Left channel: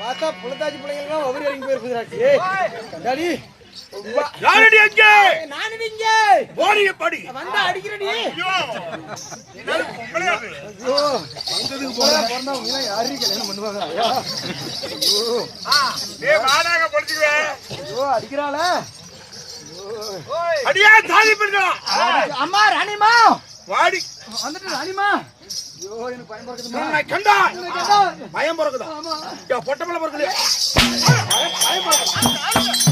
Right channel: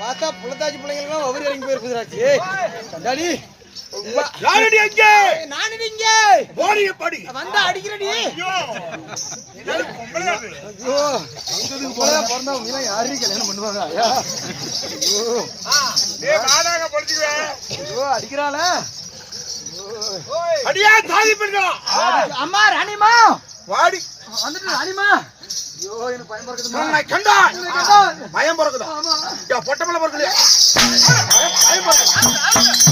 பார்த்தா புலத்தாச்சி பிள்ளைங்களும் அவர் இறங்கி போயிருக்குறாச்சு. கண்டாடி யாரடி அங்க? நானு இங்க. போடிய படி. வந்தா அடிக்கிறடி. ஐயோ. என்னால பொம்பளையா இருக்கு. ஐயோ. அங்கதுக்கு போறா பிறந்தவங்க எல்லாம் யாரீ கல்யாணம் பண்ணுவாங்க? ஐயா. ஐயோ. டேய் வாடாங்க பொடிச்சுவே. ஐயோ அடிக்கறாளா? ஓய். அடியா தாலி பண்ணுடா. அம்மா ராணிமா. வாடி. வந்துட்டு ராணிமா. ஐயோ எனக்கு பயம் பொறுக்குதுமா. நான் கண்டா. பயம் பொறுக்குதா? ஆமா. யா பொட்டமல பொறுக்கலையா? பயம் பொறுக்குதா?